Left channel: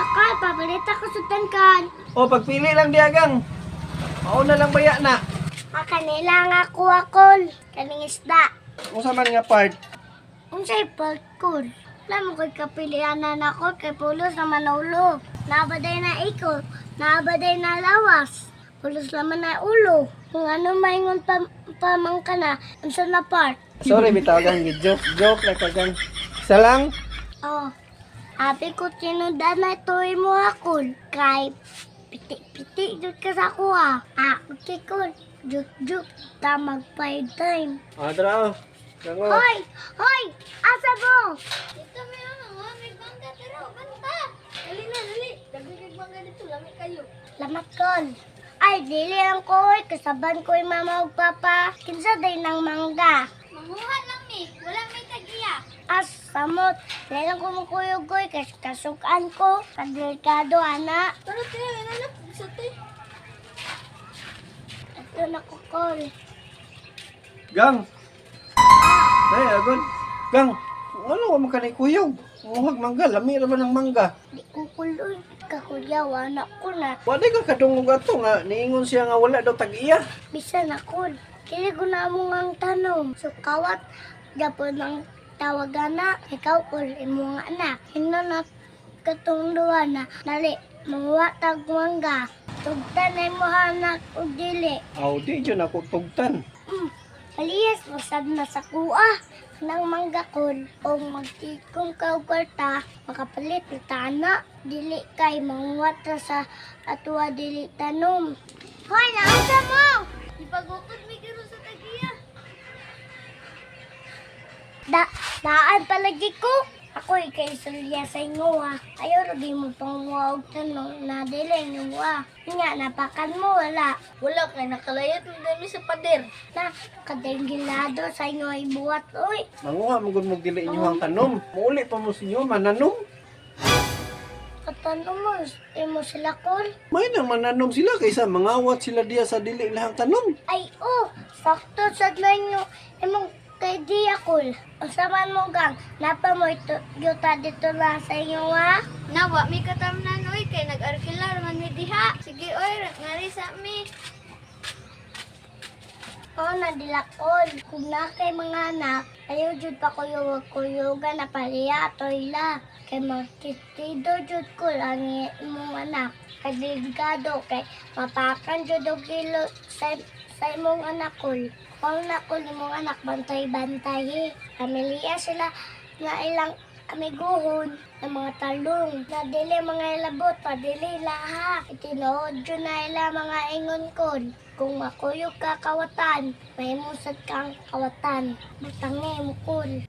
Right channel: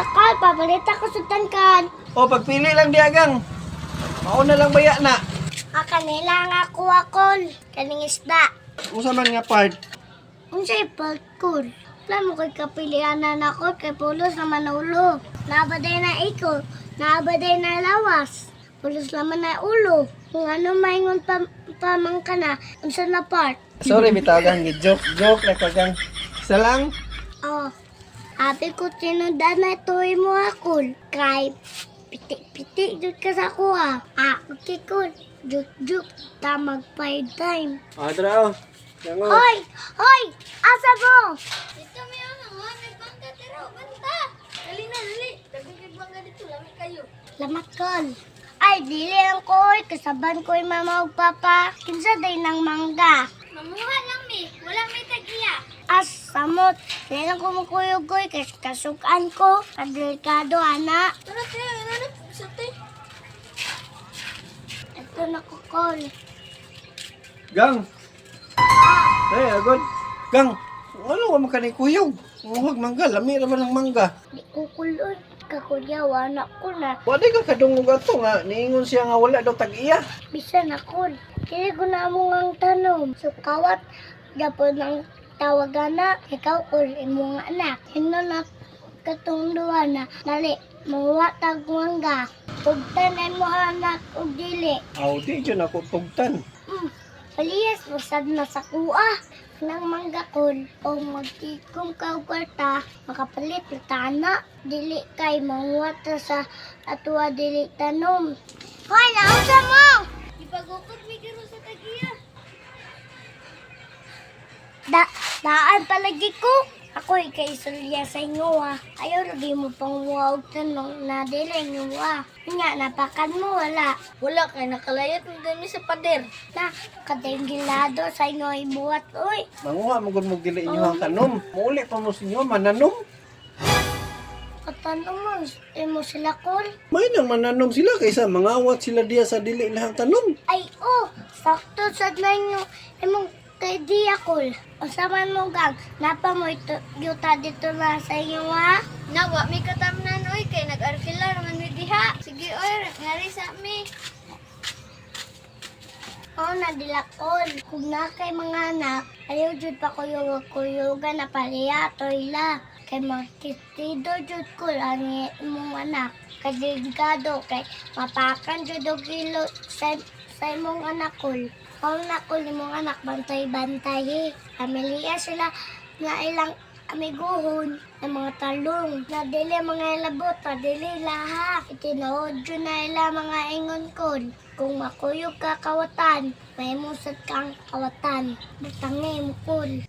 Kal, pabalita ko sa tangkan. O, pagpili lang diagang. Mauna lang baya na. Kanila nga kuha kol. Kaning isda. Unsa man nga part? Unsay palkol? Alam mo kay kapilian na nako kay pulos na manulo. Nabaday na iko. Nabaday na lawas. Pulos naman na ulo. Kung ano maingon pamangka na. Unsa na part? Sorry, bitawagan. Joke na kagang. Isa lang. Oh. Happy ko tinundan na ito'y mo akol. Kay pitik-pitik jud ka sa kuha. Okay kol. Juk-juk. Tamag 5 time. Adra, Dango. Hoy! Hoy! Asa mo? Dito may may bangga tira. Banta! Dali na, dali. Dagigig bangga dito. Lamig kayo. Lamat kol. Ay, dili lang ko. Kasaban ko yung mama o papa. Kinsa day ng mangga. Mamuha lang mi. Wala may tagiya. Samot. Dili lang ko makuyog-goy. Kasukan ko. Kadelikado, anak. Tara, tira. Inanap. Sate. Ito na ko, kol. Gang. Hey, agad. Gang, ano ka makanay kuyog? Muhag mangga, lami naman ng mangga. Di ko kuloy. Kakulyaw, anak ko na. Wala ka kadungog ato nga, niingon siya nga wala daw tag-iya. Bisan ako. Kili ko na mo ang tanom. So, kawat. Dapat ng tawagan na. Ikaw ko imo nga anak. Hino na katong duwa na. Dali, mga tagmangga. Tugtan ay mo anak o dili. Aw, di dyan ako tugtan. Paliyas, masad na sa kuha. Nang manggakol o magtikom ka og kwarta, makapalit na tana. Dili kay manguwat na sa atwa dili tanom. Hoy, nausa mo! Ipagukod mi giro sa tagiya. Daan palagi ko. Ako kay Sulya sa inyo Ayaw lagi mo pang muwag tanong na dili inyo Nga, napakan mo wala. Wala kay nakalayat mo dami sa pader. Na, kadengilado sa inyo ibuhat, uy. Manguha mo mo gili inyo ang tanom. Muli pa mo sinyo, mananom. Katanong mo, mo sila kol. May nang mananom sila kaysa mangawat sila diya sa dili lahang tanom. Ay, sakto sa inyo. Imong kay Diakol. O saman mo gang, napa mo ito, yuta dito na sa inyo Nawa, may katamnan oy, kay nag-arkila naman mi diha. Sige oy, ngari sa mi. Nadilakol. Kung na kay mga anak, ayaw jud pa kuyugan na paliya, toyla. Kay makitido jud ko lang imong anak. Kadelikado kay mapakan jud og kilo sa imong anak kol. Na ko imong anak bantay-bantay. Pamilya sila nga ilang amiguhon ng mga talong. Na dili mga labot, padili laha. Itinood yun na ila mga ingon kol. Kung makuyog ka kawatan, may musad kang kawatan. Butangin mo kol.